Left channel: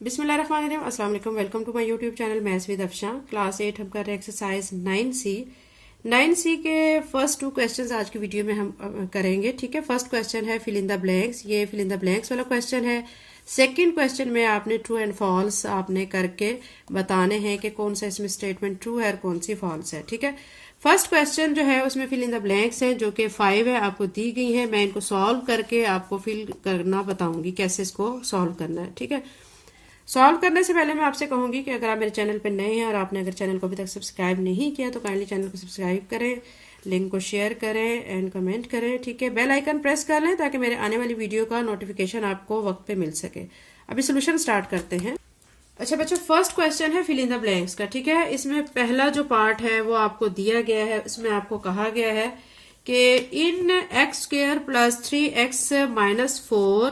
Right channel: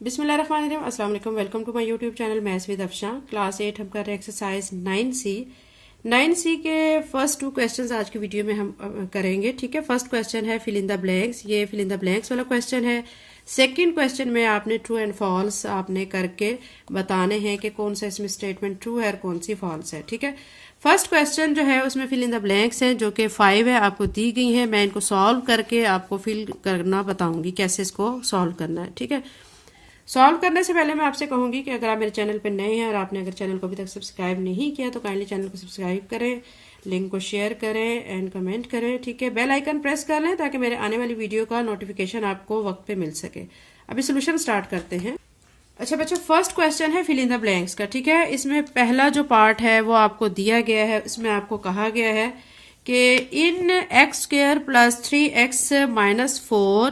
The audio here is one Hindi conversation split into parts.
बिस्मिल्लाहिर्रहमानिर्रहीम, अस्सलाम वालेकुम। Welcome to my YouTube channel maths with Afsha. Class 8 हम कर रहे हैं एक्सरसाइज 9C के फर्स्ट 2 क्वेश्चंस आज की वीडियो में हम करेंगे। ठीक है, फर्स्ट क्वेश्चन है फिल इन द ब्लैंक्स। ये फिल इन द ब्लैंक्स वाला क्वेश्चन है। सेकंड क्वेश्चन में आपने ट्रू एंड फॉल्स आपने करके बताने हैं कि कौन सा इसमें स्टेटमेंट ट्रू है और कौन सी फॉल्स है। ठीक है, फर्स्ट क्वेश्चन जो है उसमें फिल इन द ब्लैंक्स है जो कि 5 है, आपको दी गई है। मैं इनको सॉल्व करके आपको फिल करना बताऊंगी कैसे इसको सॉल्व करना है। ठीक है, सॉल्व करने से पहले मैं आपसे कहूंगी कि अगर आप मेरे चैनल पर नए हैं और आपने अगर चैनल को अभी तक सब्सक्राइब नहीं किया तो काइंडली चैनल को सब्सक्राइब करें, लिंक को शेयर करें एंड कमेंट करें। ठीक है, बेल आइकन प्रेस कर लें ताकि मेरे आने वाली वीडियो का नोटिफिकेशन आपको वक्त पे मिल सके। अभी सोल्यूशन स्टार्ट करते हैं। अच्छा बच्चों, फर्स्ट क्वेश्चन है फिल इन द ब्लैंक्स का। ठीक है, इसमें पहला जो पार्ट है वो आपको दिया गया है। इसमें आपको कहा गया है कि in x square plus 3x minus 4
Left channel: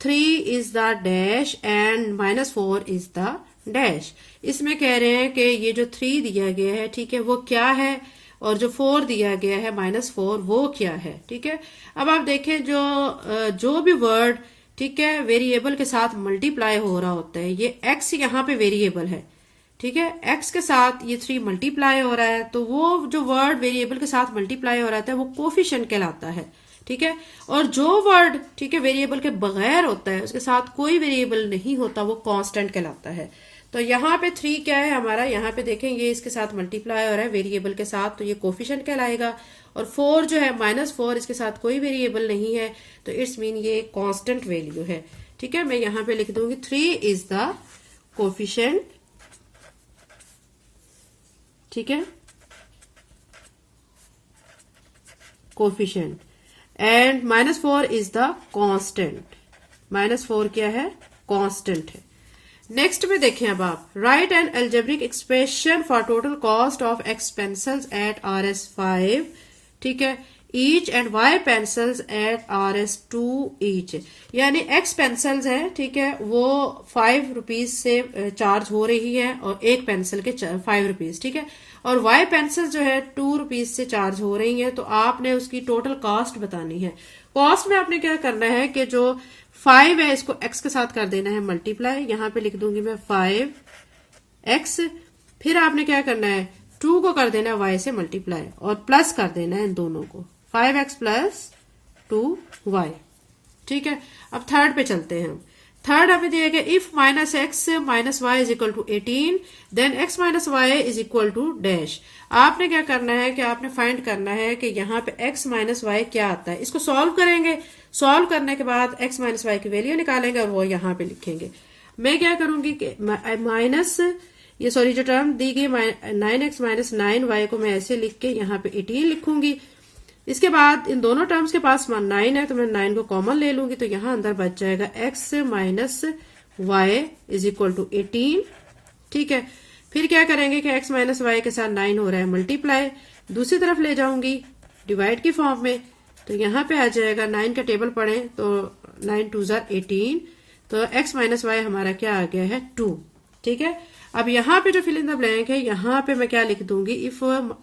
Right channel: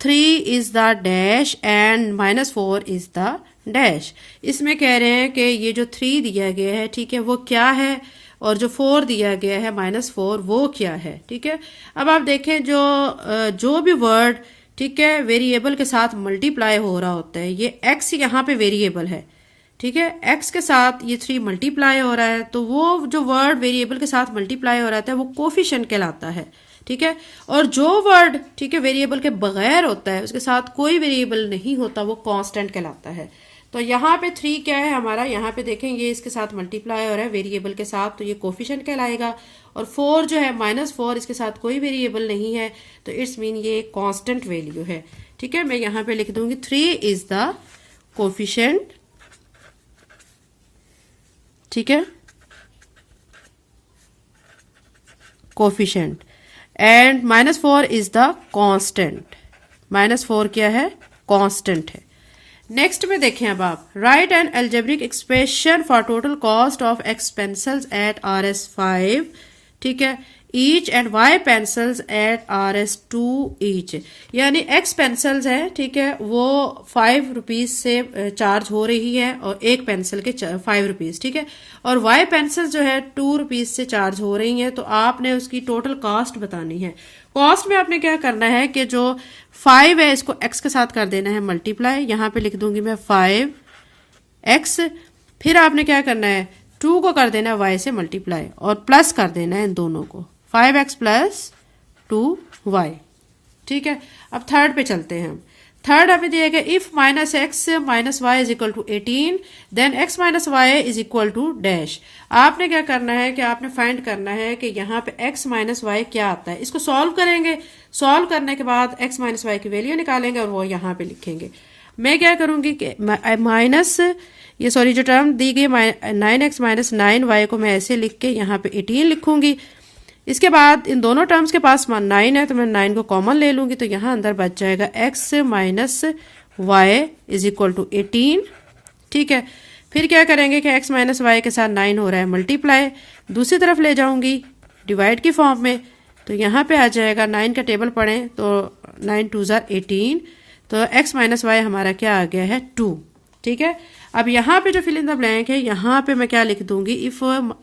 3 is the dash and minus 4 is the dash. इसमें कह रहे हैं कि ये जो 3 दिया गया है, ठीक है, वो क्या है, और जो 4 दिया गया है माइनस 4 वो क्या है। ठीक है, अब आप देखें जो भी वर्ड, ठीक है, वेरिएबल के साथ मल्टीप्लाई हो रहा होता है, ये x यहाँ पे वेरिएबल है। ठीक है, x के साथ ये 3 मल्टीप्लाई हो रहा है, तो वो जो वर्ड वेरिएबल के साथ मल्टीप्लाई हो रहा है वो कोफिशिएंट कहलाता है। ठीक है, और जो वर्ड, ठीक है, वेरिएबल के बगैर होता है, उसके साथ कोई वेरिएबल नहीं होता, वो कांस्टेंट कहलाता है। तो यहाँ पे 3 क्या है हमारा, यहाँ पे देखें ये इसके साथ मल्टीप्लाई हो रहा है वेरिएबल के साथ, तो ये कोफिशिएंट कहलाएगा। और 4 जो है माइनस 4, इसके साथ कोई वेरिएबल नहीं है, तो इट्स मीन ये कांस्टेंट वैल्यू है। ठीक है, मैं यहाँ पे लिख दूंगी 3 इज द कोफिशिएंट। ठीक है, coefficient and minus 4 is the constant. Minus 4 क्या है, कांस्टेंट है। नेक्स्ट में देखें अब आप, write and algebraic expression for total cost of x pencils at RS5, ठीक है, each and y pencils at RS2 each. यानी एक्स पेंसिल्स है, ठीक है, वो 5 रुपीज से चार्ज हो रही है और एक पेंसिल के 5 रुपीज। ठीक है, और वाई पेंसिल जो है 2 रुपीज से चार्ज हो रही है, तो आपने उसकी टोटल कॉस्ट बतानी है। कॉस्ट में आपने क्या करना है कि जो 5 है इसको x के साथ कर देना है मल्टीप्लाई। यहां पे लिख दूंगी मैं 5x। फिर आपने क्या करना है, 2 को कर देना है y से मल्टीप्लाई और प्लस कर देना है इन दोनों को, 5x प्लस 2y। ठीक है, अब थर्ड पे चलते हैं। थर्ड हमें दिया गया if minus x minus y is equal to 18 then x minus y is equal to dash. आपने क्या करना है कि आपने फाइंड करना है कि यहाँ पे एक्स माइनस वाई क्या आता है। इसको सॉल्व करेंगे, सॉल्व करने के बाद एक्स माइनस वाई की वैल्यू निकालेंगे और वो यहाँ पे लिखेंगे। मैं क्या करूंगी कि माइनस ये सॉरी जो टर्म दी गई 9x माइनस 9y को मैं ऐसे लिख के यहाँ पे 18 लिखूंगी। इसके बाद इन दोनों टर्म्स के पास 9 है तो मैं 9 को कॉमन ले लूंगी, तो यहां अंदर बच जाएगा x minus y is equal to 18। ठीक है, फिर क्या करेंगे कि x माइनस वाई के साथ 9 हो रहा है मल्टीप्लाई, दूसरी तरफ ले जाऊंगी डिवाइड की फॉर्म में, तो यहाँ पे आ जाएगा 9 का टेबल पढ़ें तो 9 2 जार 18, तो x माइनस वाई हमारा क्या आ गया है 2। ठीक है, अब यहाँ पे जो फिल इन द ब्लैंक है, यहाँ पे मैं क्या लिख दूंगी, if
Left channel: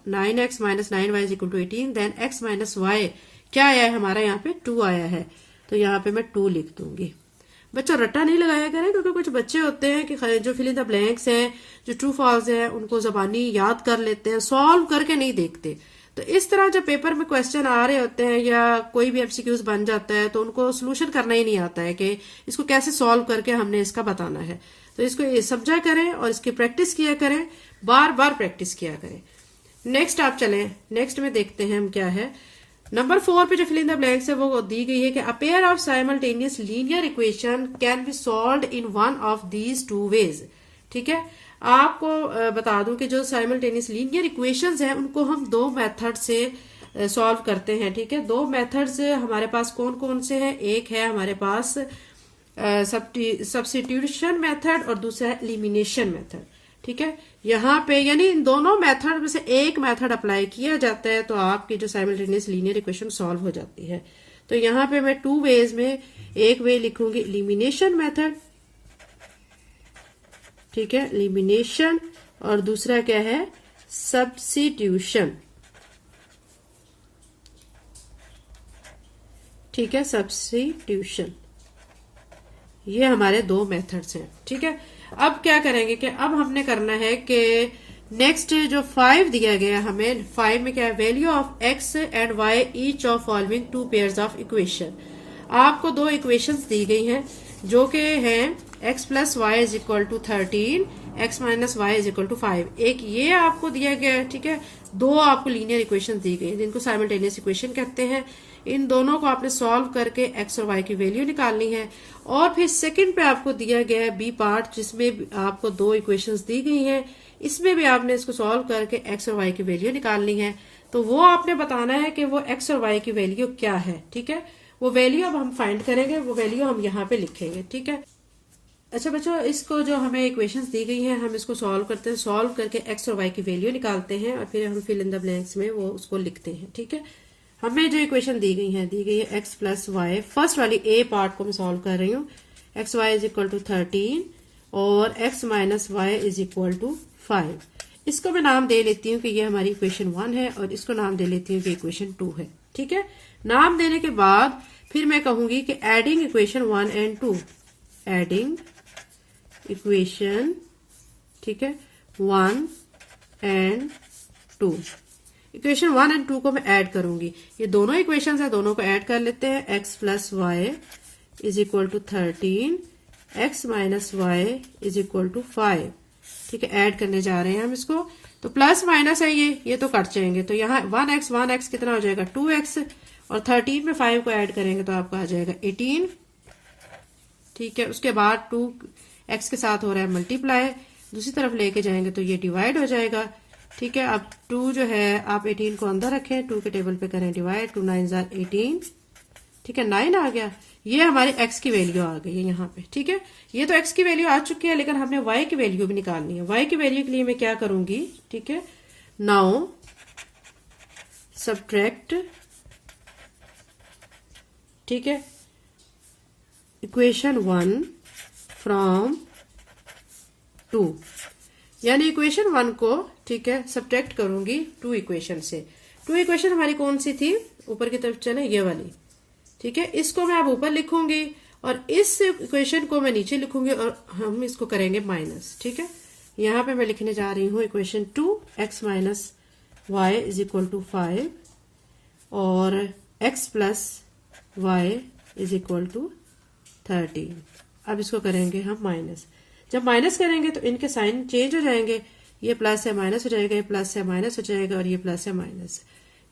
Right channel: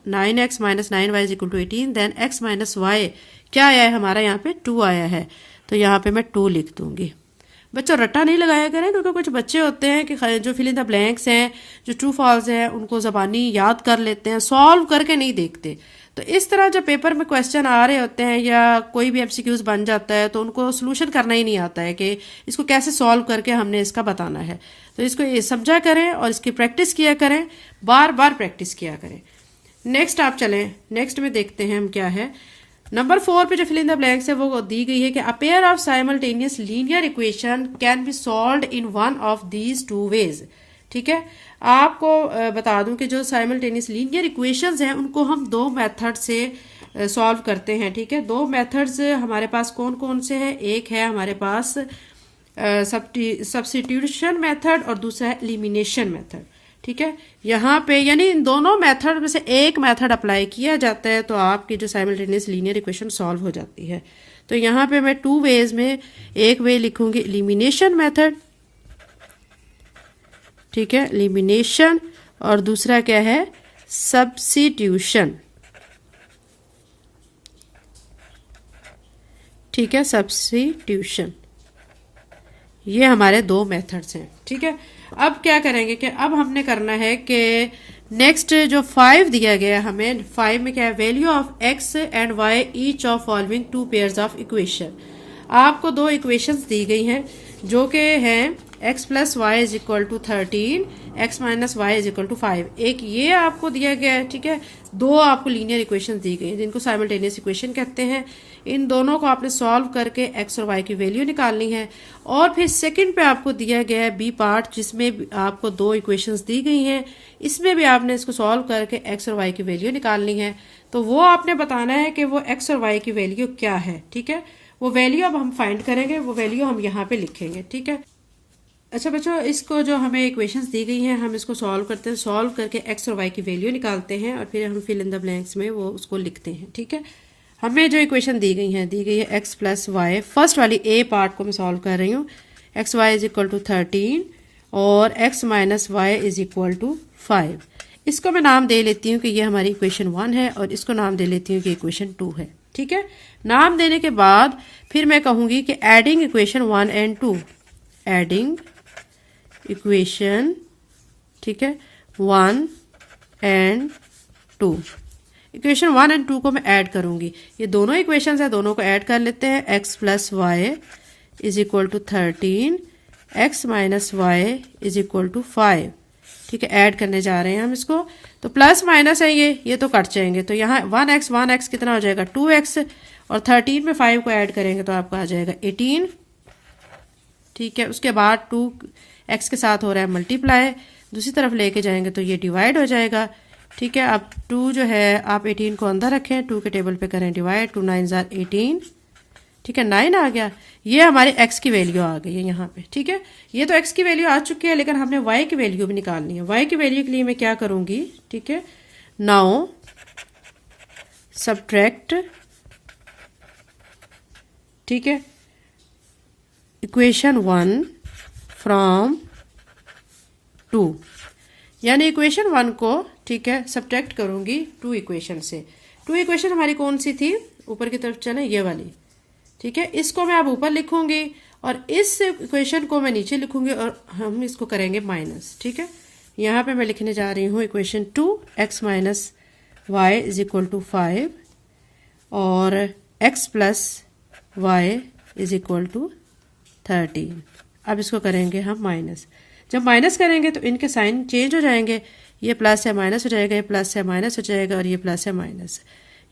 9x minus 9y is equal to 18 then x minus y क्या आया है हमारा, यहाँ पे 2 आया है, तो यहाँ पे मैं 2 लिख दूंगी। बच्चों रट्टा नहीं लगाया करें, क्योंकि कुछ बच्चे होते हैं कि जो फिल इन द ब्लैंक्स हैं, जो ट्रू फॉल्स हैं, उनको जबानी याद कर लेते हैं, सॉल्व करके नहीं देखते। तो इस तरह जब पेपर में क्वेश्चन आ रहे होते हैं या कोई भी MCQs बन जाता है तो उनको सोल्यूशन करना ही नहीं आता है कि इसको कैसे सॉल्व करके हमने इसका बताना है। तो इसको ये समझा करें और इसकी प्रैक्टिस किया करें, बार बार प्रैक्टिस किया करें। नेक्स्ट आप चलें, नेक्स्ट में देखते हैं हम क्या है। नंबर 4 पे जो फिल इन द ब्लैंक्स है वो दी गई है कि a pair of simultaneous linear equation can be solved in one of these 2 ways. ठीक है, आपको बता दूं कि जो साइमल्टेनियस लीनियर इक्वेशंस हैं उनको हम 2 मेथड से सॉल्व करते हैं। ठीक है, 2 मेथड्स हमारे पास कौन कौन से हैं, एक है हमारे पास सब्स्टिट्यूशन मेथड और दूसरा है एलिमिनेशन मेथड। ठीक है, यहाँ पे यानी इन दोनों मेथड में से एक मेथड अप्लाई किया जाता है तो आपकी जो साइमल्टेनियस लीनियर इक्वेशन सॉल्व हो जाती है। तो यहाँ पे मैं 2 वेज में एक वे लिखूंगी एलिमिनेशन मेथड, ठीक है, एलिमिनेशन, और दूसरा क्या है, सब्स्टिट्यूशन। ठीक है, सब्स्टिट्यूशन। ये हमारे दो मेथड्स हैं, ठीक है। अब क्या करेंगे कि अब हमने करना है कि नेक्स्ट जो 5 दिया गया है हमें, 5 में क्या है, value of x and y each of following two pairs of equation. आपको दो इक्वेशंस दी गई हैं जो कि हैं x plus y is equal to 13, x minus y is equal to 5। एक ये आपको दिया गया है, ठीक है। दो आपको लीनियर इक्वेशन दी गई जिनको साइमल्टेनियस इक्वेशन कहते हैं। इन दोनों को आपने सॉल्व करके x और y की वैल्यू निकालनी है। और फिर सेकंड पे आपको दिया गया है बी पार्ट, जिसमें आपको दो इक्वेशंस दी गई हैं। इसमें भी आपने इसको सॉल्व करके x और y की वैल्यू निकालनी है। तो वो आपने बताना है कि वो x और y की वैल्यू क्या है, ठीक है। वो वैल्यू अब हम फाइंड करेंगे, वो वैल्यू हम यहाँ पे लिखेंगे, ठीक है। अच्छा बच्चों, इसको जो हमें इक्वेशंस दी गई हैं हम इसको सॉल्व करते हैं। सॉल्व करके x और y की वैल्यू निकालते हैं और फिर हम फिल इन द ब्लैंक्स में वो उसको लिखते हैं, ठीक है। हमें जो इक्वेशन दी गई है x प्लस वाई। फर्स्ट वाली ए पार्ट को मैं सॉल्व कर रही हूँ। X y is equal to 13 और x minus y is equal to 5। इसको मैं नाम दे लेती हूँ कि ये हमारी इक्वेशन 1 है और इसको नाम दे लेती हूँ कि इक्वेशन 2 है, ठीक है। नाम देने के बाद फिर मैं कहूंगी कि adding equation 1 and 2, adding equation, ठीक है, 1 एंड 2। इक्वेशन 1 एंड 2 को मैं ऐड करूंगी। ये दोनों इक्वेशन है, दोनों को ऐड कर लेते हैं। x plus y is equal to 13, x minus y is equal to 5, ठीक है। ऐड करने जा रहे हैं हम इसको। तो प्लस माइनस है ये तो कट जाएंगे। तो यहाँ 1x कितना हो जाएगा 2x, और 13 में 5 को ऐड करेंगे तो आपका आ जाएगा 18, ठीक है। उसके बाद 2x के साथ हो रहा है मल्टीप्लाई, दूसरी तरफ लेके जाएंगे तो ये डिवाइड हो जाएगा, ठीक है। अब 2 जो है आप 18 को अंदर रखें, 2 के टेबल पे करें डिवाइड, 2 9 जार 18, ठीक है, 9 आ गया। ये हमारी x की वैल्यू आ गई है यहाँ पे, ठीक है। ये तो x की वैल्यू आ चुकी है, लेकिन हमने y की वैल्यू भी निकालनी है। y की वैल्यू के लिए मैं क्या करूंगी, ठीक है, नाउ सब्ट्रैक्ट, ठीक है, इक्वेशन 1 फ्रॉम 2, यानी इक्वेशन 1 को, ठीक है, सब्ट्रैक्ट करूंगी 2 इक्वेशन से। 2 इक्वेशन हमारी कौन सी थी, ऊपर की तरफ चले, ये वाली, ठीक है। इसको मैं अब ऊपर लिखूंगी और इस इक्वेशन को मैं नीचे लिखूंगी और हम इसको करेंगे माइनस, ठीक है। यहाँ पे मैं लिखने जा रही हूँ equation 2, x minus y is equal to 5 और x plus y is equal to 13। अब इसको करेंगे हम माइनस। जब माइनस करेंगे तो इनके साइन चेंज हो जाएंगे, ये प्लस है माइनस हो जाएगा, ये प्लस है माइनस हो जाएगा और ये प्लस है माइनस,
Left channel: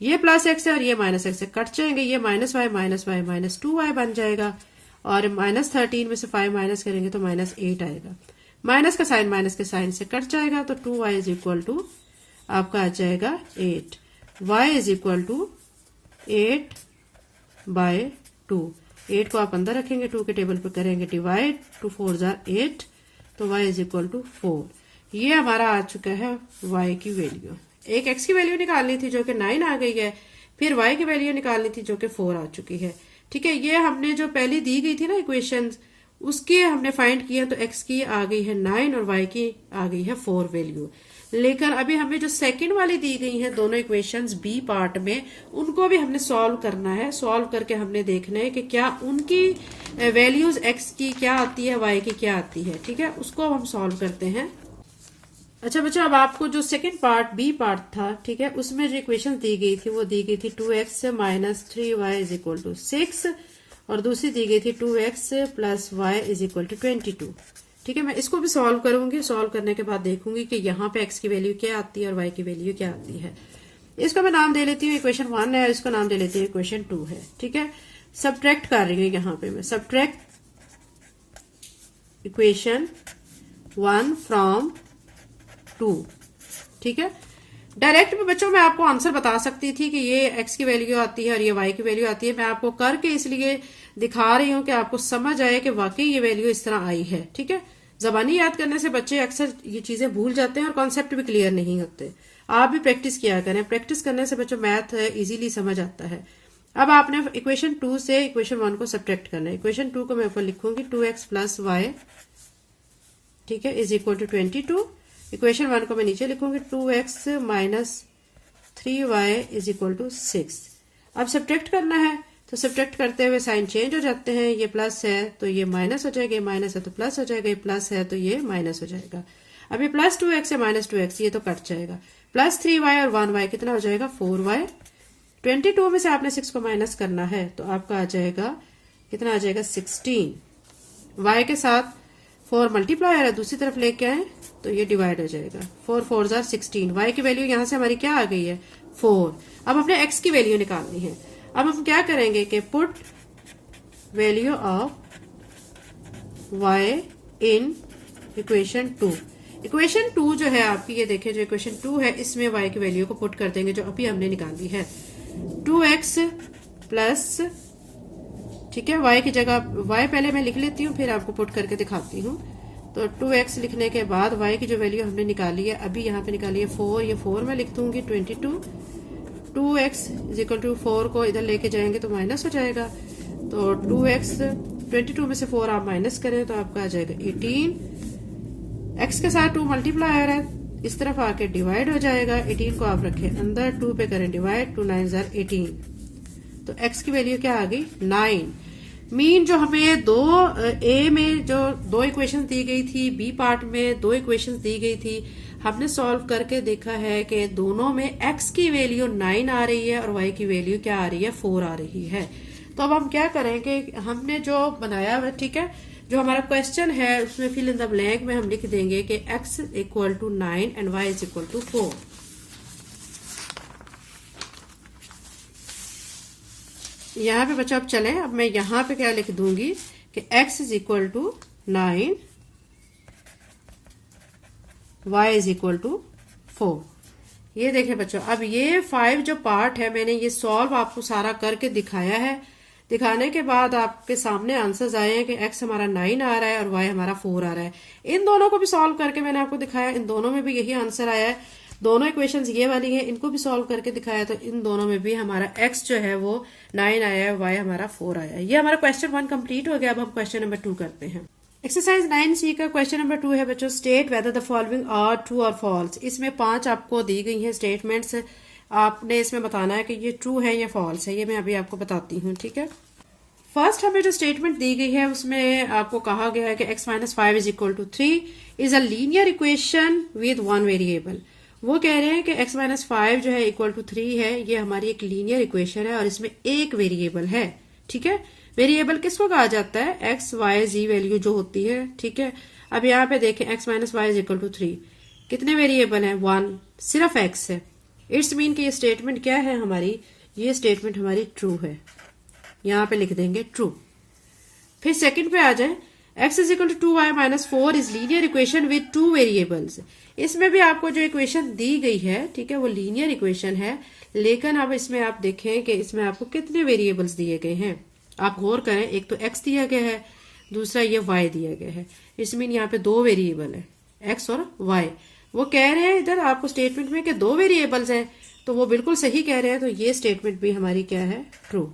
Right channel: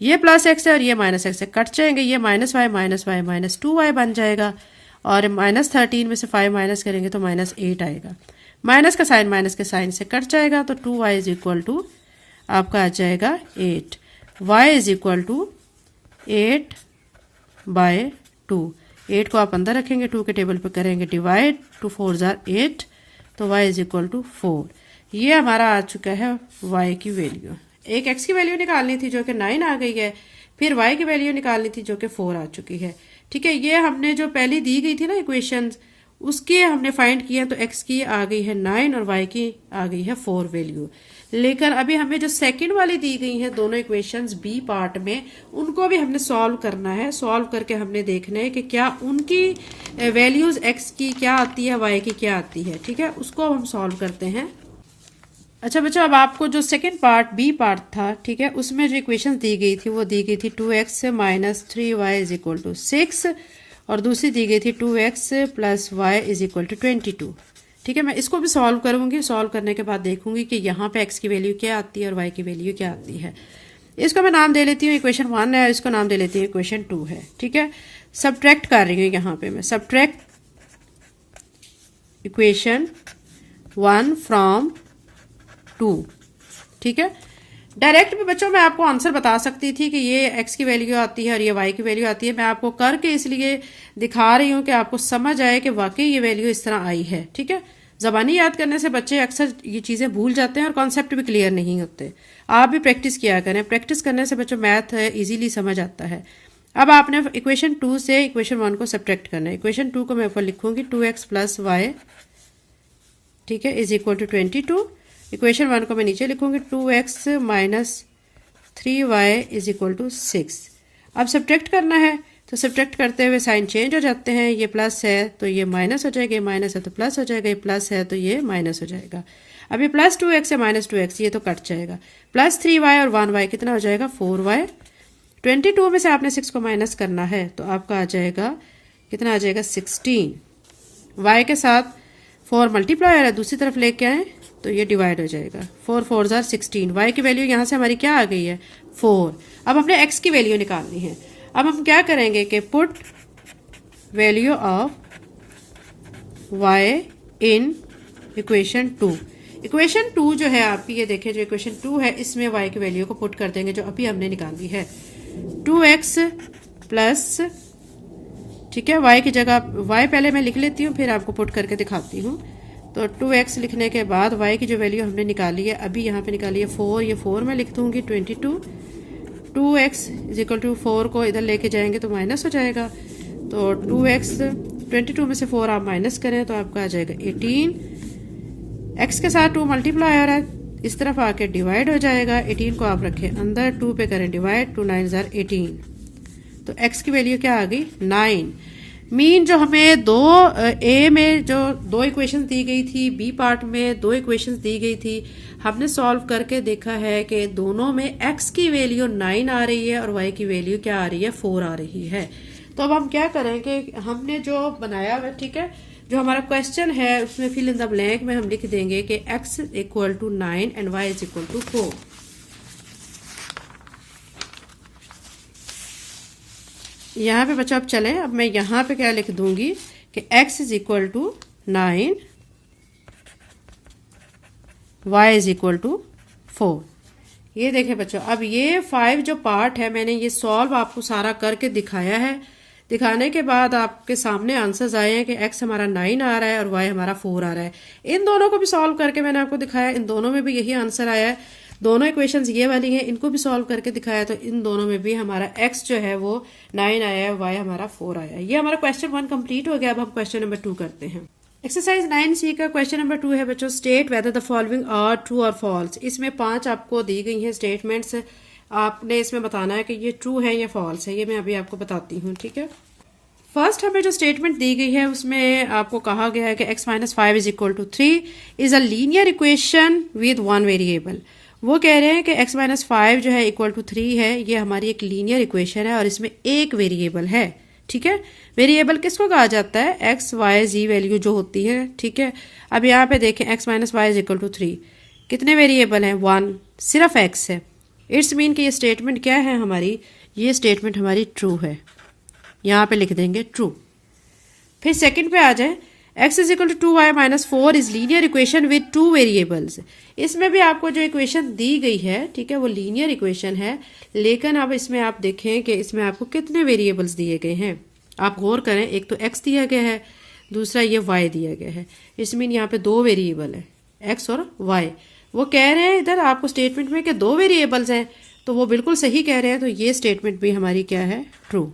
ये प्लस एक्स है और ये माइनस एक्स है, कट जाएंगे। ये माइनस वाई माइनस 2y बन जाएगा और माइनस 13 में से 5 माइनस करेंगे तो माइनस 8 आएगा। माइनस का साइन माइनस के साइन से कट जाएगा तो 2y इज इक्वल टू आपका आ जाएगा 8, y इज इक्वल टू 8/2। 8 को आप अंदर रखेंगे, 2 के टेबल पर करेंगे डिवाइड, 2 4 जार 8, तो y इज इक्वल टू 4। ये हमारा आ चुका है y की वैल्यू। एक x की वैल्यू निकालनी थी जो कि 9 आ गई है, फिर y की वैल्यू निकालनी थी जो कि 4 आ चुकी है, ठीक है। ये हमने जो पहली दी गई थी ना इक्वेशंस, उसकी हमने फाइंड किया तो x की आ गई है 9 और y की आ गई है 4 वैल्यू। लेकिन अभी हमें जो सेकंड वाली दी गई है दोनों इक्वेशंस बी पार्ट में, उनको भी हमने सॉल्व करना है। सॉल्व करके हमने देखना है कि क्या उनकी वैल्यूज x की क्या आती है, y की क्या आती है, ठीक है। उसको हम सॉल्व करते हैं। अच्छा बच्चों, अब आपको जो सेकंड पार्ट बी पार्ट था, ठीक है, उसमें जो इक्वेशन दी गई थी वो दी गई थी 2x minus 3y is equal to 6 और दूसरी दी गई थी 2x plus y is equal to 22, ठीक है। मैं इसको भी सॉल्व करूंगी। सॉल्व करने के बाद देखूंगी कि यहाँ पे x की वैल्यू क्या आती है और y की वैल्यू क्या आती है। इसको मैं नाम दे लेती हूँ इक्वेशन 1 है, इसको नाम दे लेती हूँ इक्वेशन 2 है, ठीक है। सब्ट्रैक्ट कर रही हूँ यहाँ पे मैं, सब्ट्रैक्ट इक्वेशन 1 फ्रॉम 2, ठीक है। डायरेक्ट में बच्चों मैं आपको आंसर बता सकती थी कि ये x की वैल्यू आती है और ये y की वैल्यू आती है। मैं आपको करके इसलिए दिखा रही हूँ कि आपको समझ आए कि वाकई ये वैल्यू इस तरह आई है, ठीक है। जबानी याद करने से बच्चे अक्सर ये चीजें भूल जाते हैं और कॉन्सेप्ट भी क्लियर नहीं होते। आप भी प्रैक्टिस किया करें, प्रैक्टिस करने से बच्चों मैथ इजीली समझ आता है। अब आपने इक्वेशन 2 से इक्वेशन 1 को सब्ट्रैक्ट करना है। इक्वेशन 2 को मैं ऊपर लिखूंगी 2x प्लस वाई, ठीक है, इज इक्वल टू 22। इक्वेशन 1 को मैं नीचे लिखूंगी 2x minus 3y is equal to 6। अब सब्ट्रैक्ट करना है तो सब्ट्रैक्ट करते हुए साइन चेंज हो जाते हैं, ये प्लस है तो ये माइनस हो जाएगा, ये माइनस है तो प्लस हो जाएगा, ये प्लस है तो ये माइनस हो जाएगा। अब ये प्लस 2x है माइनस 2x, ये तो कट जाएगा। प्लस 3y और 1y कितना हो जाएगा 4y। 22 में से आपने 6 को माइनस करना है तो आपका आ जाएगा कितना, आ जाएगा 16। y के साथ 4 मल्टीप्लाई है, दूसरी तरफ लेके आए तो ये डिवाइड हो जाएगा। 4 4 जार 16। y की वैल्यू यहां से हमारी क्या आ गई है 4। अब हमने x की वैल्यू निकालनी है। अब हम क्या करेंगे कि put value of y in equation 2। Equation 2 जो है आपकी, ये देखिए जो इक्वेशन 2 है इसमें y की वैल्यू को पुट कर देंगे जो अभी हमने निकाली है 2x प्लस, ठीक है, y की जगह y पहले मैं लिख लेती हूँ फिर आपको पुट करके दिखाती हूँ। तो 2x लिखने के बाद y की जो वैल्यू हमने निकाली है अभी यहाँ पे निकाली है 4, ये 4 में लिख दूंगी 22। 2x इज इक्वल टू 4 को इधर लेके जाएंगे तो माइनस हो जाएगा, तो 2x 22 में से 4 आप माइनस करें तो आपका आ जाएगा 18। x के साथ 2 मल्टीप्लाई आ रहा है, इस तरफ आके डिवाइड हो जाएगा। 18 को आप रखें अंदर, 2 पे करें डिवाइड, 2 9 जार 18, तो x की वैल्यू क्या आ गई 9। मीन जो हमें ए में जो 2 इक्वेशन दी गई थी, बी पार्ट में 2 इक्वेशन दी गई थी, हमने सॉल्व करके देखा है कि दोनों में x की वैल्यू 9 आ रही है और y की वैल्यू क्या आ रही है 4 आ रही है। तो अब हम क्या करेंगे, हमने जो बनाया हुआ, ठीक है, जो हमारा क्वेश्चन है उसमें फिल इन द ब्लैंक में हम लिख देंगे कि x equal to 9 and y is equal to 4। यहाँ पे बच्चों अब चले, अब मैं यहाँ पे क्या लिख दूंगी कि x is equal to 9, y is equal to 4। ये देखें बच्चों, अब ये 5 जो पार्ट है मैंने ये सॉल्व आपको सारा करके दिखाया है। दिखाने के बाद आपके सामने आंसर्स आए हैं कि x हमारा 9 आ रहा है और y हमारा 4 आ रहा है। इन दोनों को भी सॉल्व करके मैंने आपको दिखाया, इन दोनों में भी यही आंसर आया है। दोनों इक्वेशंस ये वाली हैं, इनको भी सॉल्व करके दिखाया तो इन दोनों में भी हमारा x जो है वो 9 आया है, y हमारा 4 आया है। ये हमारा क्वेश्चन 1 कंप्लीट हो गया। अब हम क्वेश्चन नंबर 2 करते हैं। एक्सरसाइज 9C का क्वेश्चन नंबर 2 है बच्चों, state whether the following are true और फॉल्स। इसमें 5 आपको दी गई हैं स्टेटमेंट्स, आपने इसमें बताना है कि ये ट्रू है या फॉल्स है। ये मैं अभी आपको बताती हूँ, ठीक है। फर्स्ट हमें जो स्टेटमेंट दी गई है उसमें आपको कहा गया है कि x minus 5 is equal to 3 is a linear equation with 1 variable. वो कह रहे हैं कि x माइनस 5 जो है इक्वल टू 3 है, ये हमारी एक लीनियर इक्वेशन है और इसमें एक वेरिएबल है, ठीक है। वेरिएबल किसको कहा जाता है, x y z वैल्यू जो होती है, ठीक है। अब यहाँ पे देखें x minus 5 is equal to 3, कितने वेरिएबल है 1, सिर्फ x है। इट्स मीन कि ये स्टेटमेंट क्या है हमारी, ये स्टेटमेंट हमारी ट्रू है, यहाँ पे लिख देंगे ट्रू। फिर सेकंड पे आ जाए, x इज इक्वल टू 2y minus 4 is linear equation with 2 variables. इसमें भी आपको जो इक्वेशन दी गई है, ठीक है, वो लीनियर इक्वेशन है, लेकिन अब इसमें आप देखें कि इसमें आपको कितने वेरिएबल्स दिए गए हैं। आप गौर करें, एक तो x दिया गया है, दूसरा ये y दिया गया है। इसमें यहाँ पे 2 वेरिएबल है, x और y। वो कह रहे हैं इधर आपको स्टेटमेंट में कि 2 वेरिएबल्स हैं, तो वो बिल्कुल सही कह रहे हैं, तो ये स्टेटमेंट भी हमारी क्या है, ट्रू,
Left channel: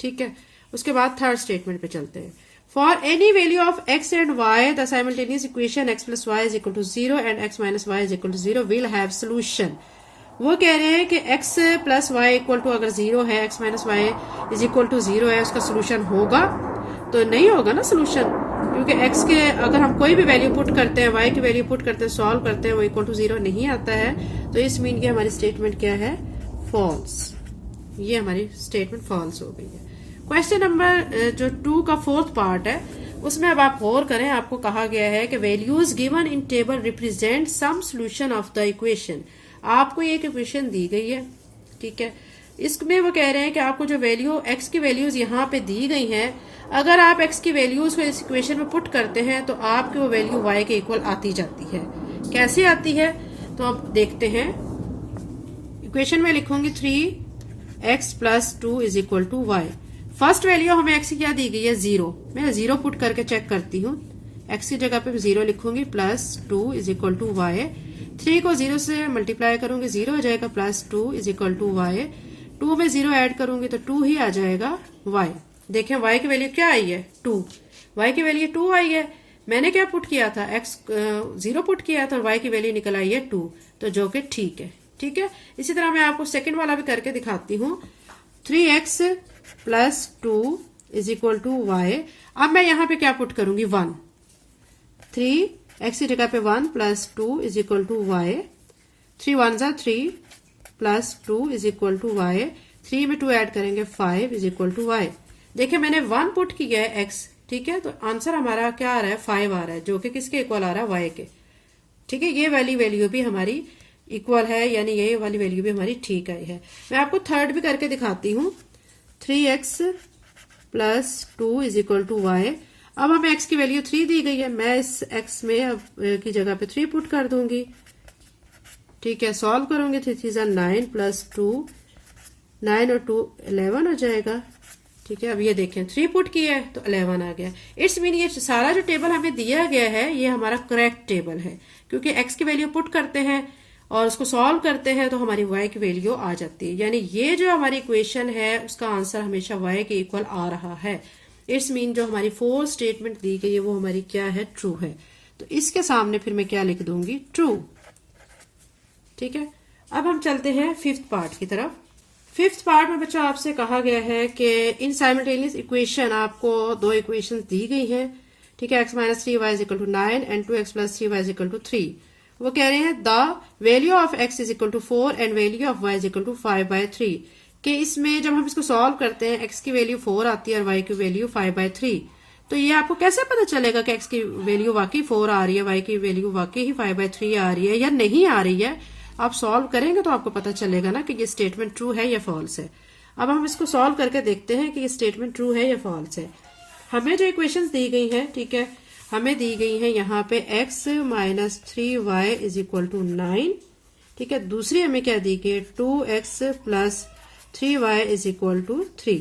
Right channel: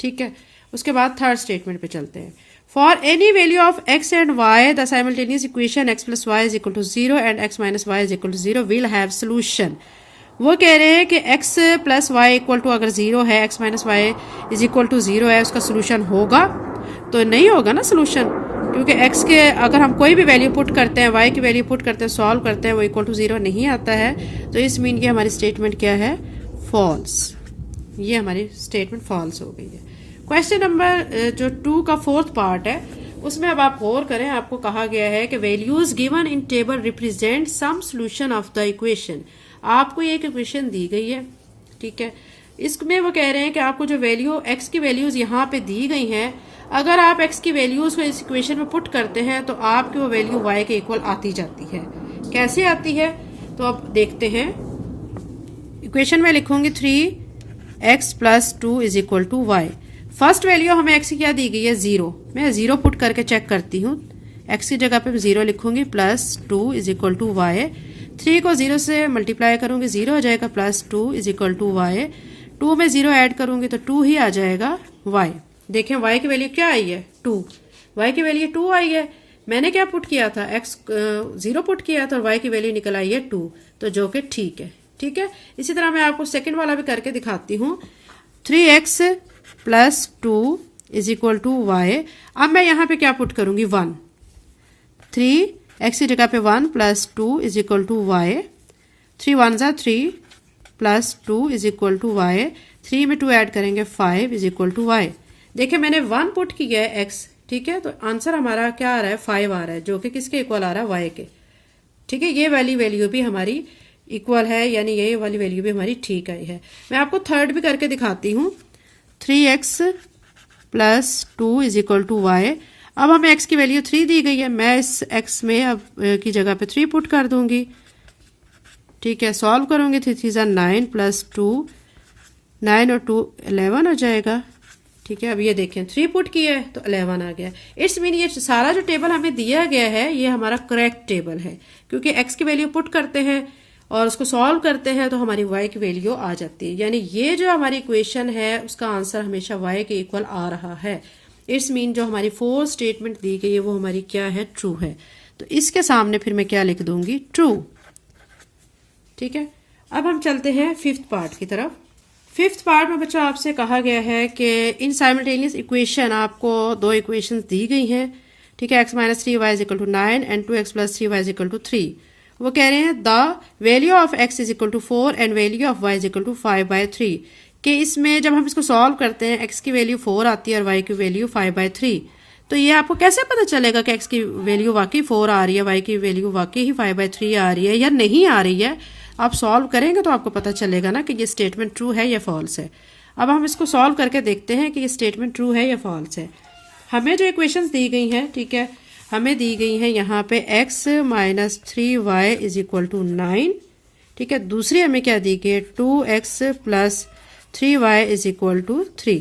ठीक है। उसके बाद थर्ड स्टेटमेंट पे चलते हैं। For any value of x and y the simultaneous equation x plus y is equal to 0 and x minus y is equal to 0 will have solution. वो कह रहे हैं कि x plus y equal to अगर 0 है, x minus y is equal to 0 है, उसका सोल्यूशन होगा, तो नहीं होगा ना सोल्यूशन, क्योंकि x के अगर हम कोई भी वैल्यू पुट करते हैं, y की वैल्यू पुट करते हैं, सॉल्व करते हैं, वो इक्वल टू 0 नहीं आता है। तो इस मीन की हमारी स्टेटमेंट क्या है, फॉल्स। ये हमारी स्टेटमेंट फॉल्स हो गई है। क्वेश्चन नंबर जो 2 का 4th पार्ट है उसमें अब आप गौर करें, आपको कहा गया है कि values given in table represent some solution of the equation. आपको एक इक्वेशन दी गई है, ठीक है, इसमें वो कह रहे हैं कि आपको जो वैल्यू x की वैल्यूज यहाँ पे दी गई हैं, अगर आप x की वैल्यूज को इस इक्वेशन में पुट करते हैं तो आपकी वो वैल्यू y के इक्वल आती जाती है। कैसे आती है, तो अब देखते हैं। इक्वेशन में लिखूंगी 3x plus 2 is equal to y। First value हमें x की क्या दी गई है, 0। मैं 0 पुट करके चेक करती हूँ। x की जगह पे 0 लिखूंगी, plus 2 is equal to y। 3 को 0 से मल्टीप्लाई करूंगी, 0 हो जाएगा, plus 2 is equal to y। 2 में 0 ऐड करूंगी तो 2 ही आ जाएगा y। देखें y की वैल्यू क्या आई है, 2। y की वैल्यू 2 आई है। मैंने क्या पुट किया था, x 0 पुट किया था और y की वैल्यू निकल आई है 2, तो जो कि ठीक है, ठीक है। इसी तरह मैं आपको सेकंड वाला भी करके दिखाती हूँ। 3x plus 2 is equal to y. अब मैं यहाँ पे क्या पुट करूंगी 1, 3x की जगह पे 1 plus 2 is equal to y. 3 1 जा 3 plus 2 is equal to y. 3 में 2 ऐड करेंगे 5 इज इक्वल टू वाई। देखिए मैंने 1 पुट किया है x, ठीक है, तो आंसर हमारा क्या आ रहा है 5 आ रहा है, जो कि किसके इक्वल आ रहा है y के। ठीक है, ये वाली वैल्यू भी हमारी इक्वल है, यानी ये वाली वैल्यू भी हमारी ठीक आई है। मैं आपको थर्ड भी करके दिखाती हूँ। 3x plus 2 is equal to y. अब हमें x की वैल्यू 3 दी गई है, मैं इस x में अब की जगह पे 3 पुट कर दूंगी। ठीक है, सॉल्व करूंगी। 3 3 9 प्लस 2, 9 और 2 11 हो जाएगा। ठीक है, अब ये देखें 3 पुट किया है तो 11 आ गया। इट्स मीन ये सारा जो टेबल हमें दिया गया है ये हमारा करेक्ट टेबल है, क्योंकि x की वैल्यू पुट करते हैं और उसको सॉल्व करते हैं तो हमारी y की वैल्यू आ जाती है। यानी ये जो हमारी इक्वेशन है उसका आंसर हमेशा y के इक्वल आ रहा है। इट्स मीन जो हमारी 4 स्टेटमेंट दी गई है वो हमारी क्या है, ट्रू है। तो इसके सामने फिर मैं क्या लिख दूंगी, ट्रू। ठीक है, अब हम चलते हैं 5th पार्ट की तरफ। 5th पार्ट में बच्चों आपसे कहा गया है कि इन साइमल्टेनियस इक्वेशन आपको 2 इक्वेशंस दी गई हैं। ठीक है, x minus 3y is equal to 9 and 2x plus 3y is equal to 3। वो कह रहे हैं the value of x is equal to 4 and value of y is equal to 5/3, कि इसमें जब हम इसको सॉल्व करते हैं x की वैल्यू 4 आती है और y की वैल्यू 5/3। तो ये आपको कैसे पता चलेगा कि x की वैल्यू वाकई 4 आ रही है, y की वैल्यू वाकई ही 5/3 आ रही है या नहीं आ रही है। आप सॉल्व करेंगे तो आपको पता चलेगा ना कि ये स्टेटमेंट ट्रू है या फॉल्स है। अब हम इसको सॉल्व करके देखते हैं कि ये स्टेटमेंट ट्रू है या फॉल्स है। हमें जो इक्वेशंस दी गई हैं, ठीक है, हमें दी गई है यहाँ पे x minus 3y is equal to 9। ठीक है, दूसरी हमें क्या दी गई है 2x plus 3y is equal to 3।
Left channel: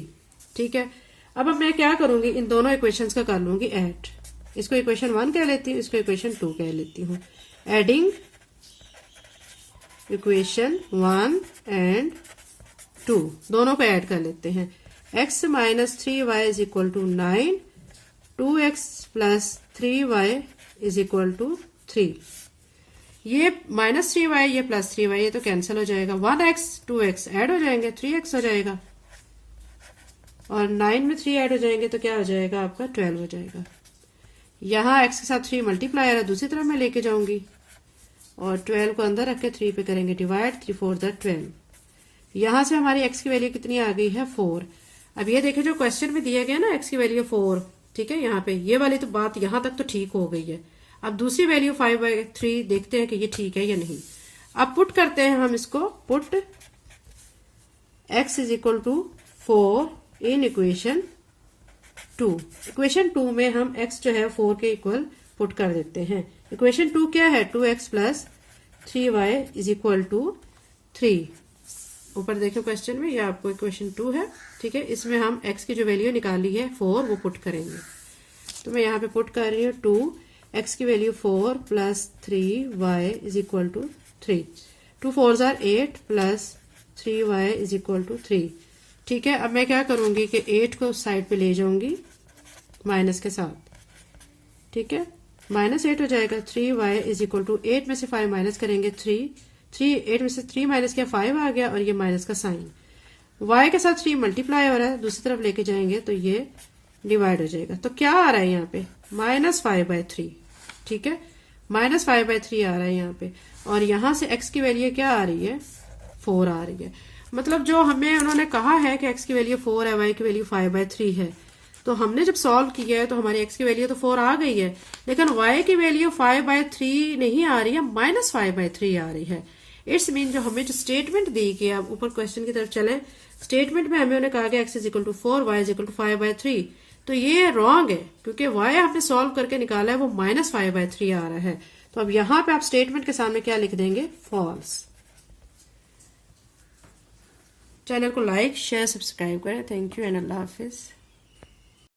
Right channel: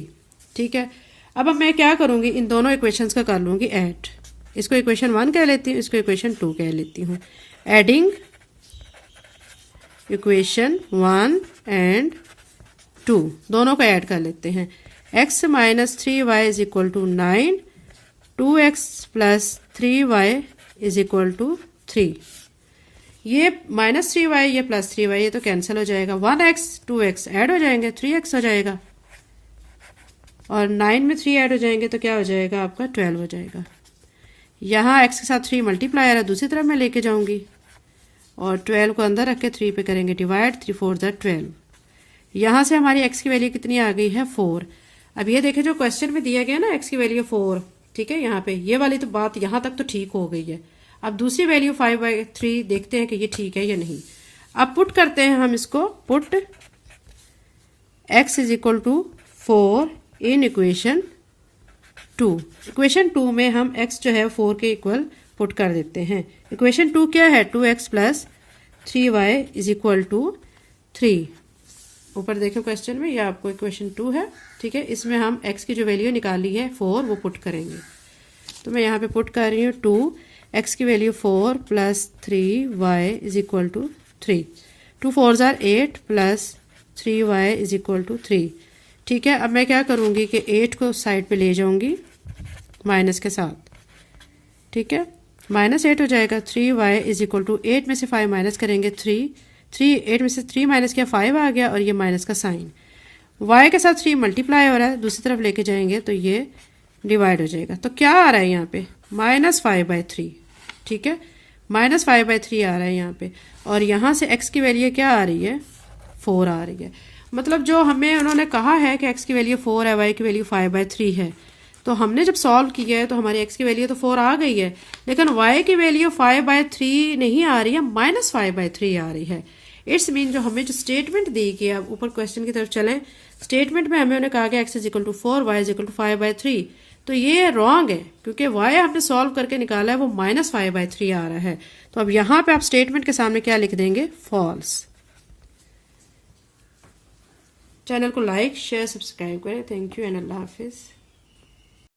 ठीक है, अब मैं क्या करूंगी, इन दोनों इक्वेशंस का कर लूंगी ऐड। इसको इक्वेशन 1 कह लेती हूँ, इसको इक्वेशन 2 कह लेती हूँ। एडिंग इक्वेशन 1 एंड 2 दोनों को ऐड कर लेते हैं। x minus 3y is equal to 9, 2x plus 3y is equal to 3। ये माइनस 3y ये प्लस 3y ये तो कैंसिल हो जाएगा। 1x 2x ऐड हो जाएंगे, 3x हो जाएगा, और 9 में 3 ऐड हो जाएंगे तो क्या हो जाएगा आपका 12 हो जाएगा। यहाँ x के साथ 3 मल्टीप्लायर है, दूसरी तरफ मैं लेके जाऊंगी और 12 को अंदर रख के 3 पे करेंगे डिवाइड, 3 4 12। यहाँ से हमारी x की वैल्यू कितनी आ गई है 4। अब ये देखें जो क्वेश्चन में दिया गया ना x की वैल्यू 4, ठीक है, यहाँ पे ये वाली तो बात यहाँ तक तो ठीक हो गई है। अब दूसरी वैल्यू 5/3 देखते हैं कि ये ठीक है या नहीं। अब पुट करते हैं हम इसको, put x is equal to 4 in equation 2। Equation 2 में हम x जो है 4 के इक्वल पुट कर देते हैं। इक्वेशन 2 क्या है 2x plus 3y is equal to 3। ऊपर देखो क्वेश्चन में, ये आपको इक्वेशन 2 है। ठीक है, इसमें हम x की जो वैल्यू निकाली है 4 वो पुट करेंगे। तो मैं यहाँ पे पुट कर रही हूँ 2x की value 4 plus 3y is equal to 3। 2 4 8 plus 3y is equal to 3। ठीक है, अब मैं क्या करूँगी कि 8 को साइड पे ले जाऊँगी माइनस के साथ। ठीक है, माइनस 8 हो जाएगा। 3y इज इक्वल टू 8 में से 5 माइनस करेंगे 3, 8 में से 3 माइनस किया 5 आ गया, और ये माइनस का साइन। y के साथ 3 मल्टीप्लाई हो रहा है, दूसरी तरफ लेके जाएंगे तो ये डिवाइड हो जाएगा। तो क्या आ रहा है यहाँ पे -5/3। ठीक है, -5/3 आ रहा है यहाँ पे, और यहाँ से x की वैल्यू क्या आ रही है 4 आ रही है। मतलब जो हमें उन्होंने कहा है कि x की वैल्यू 4 है, y की वैल्यू 5/3 है, तो हमने जब सॉल्व किया है तो हमारी x की वैल्यू तो 4 आ गई है, लेकिन y की वैल्यू 5/3 नहीं आ रही है, -5/3 आ रही है। इट्स मीन जो हमें जो स्टेटमेंट दी गई, अब ऊपर क्वेश्चन की तरफ चलें, स्टेटमेंट में हमें उन्हें कहा गया x is equal to 4, y is equal to 5/3, तो ये रॉन्ग है, क्योंकि y हमने सॉल्व करके निकाला है वो -5/3 आ रहा है। तो अब यहाँ पे आप स्टेटमेंट के सामने क्या लिख देंगे, फॉल्स। चैनल को लाइक शेयर सब्सक्राइब करें। Thank you and Allah Hafiz.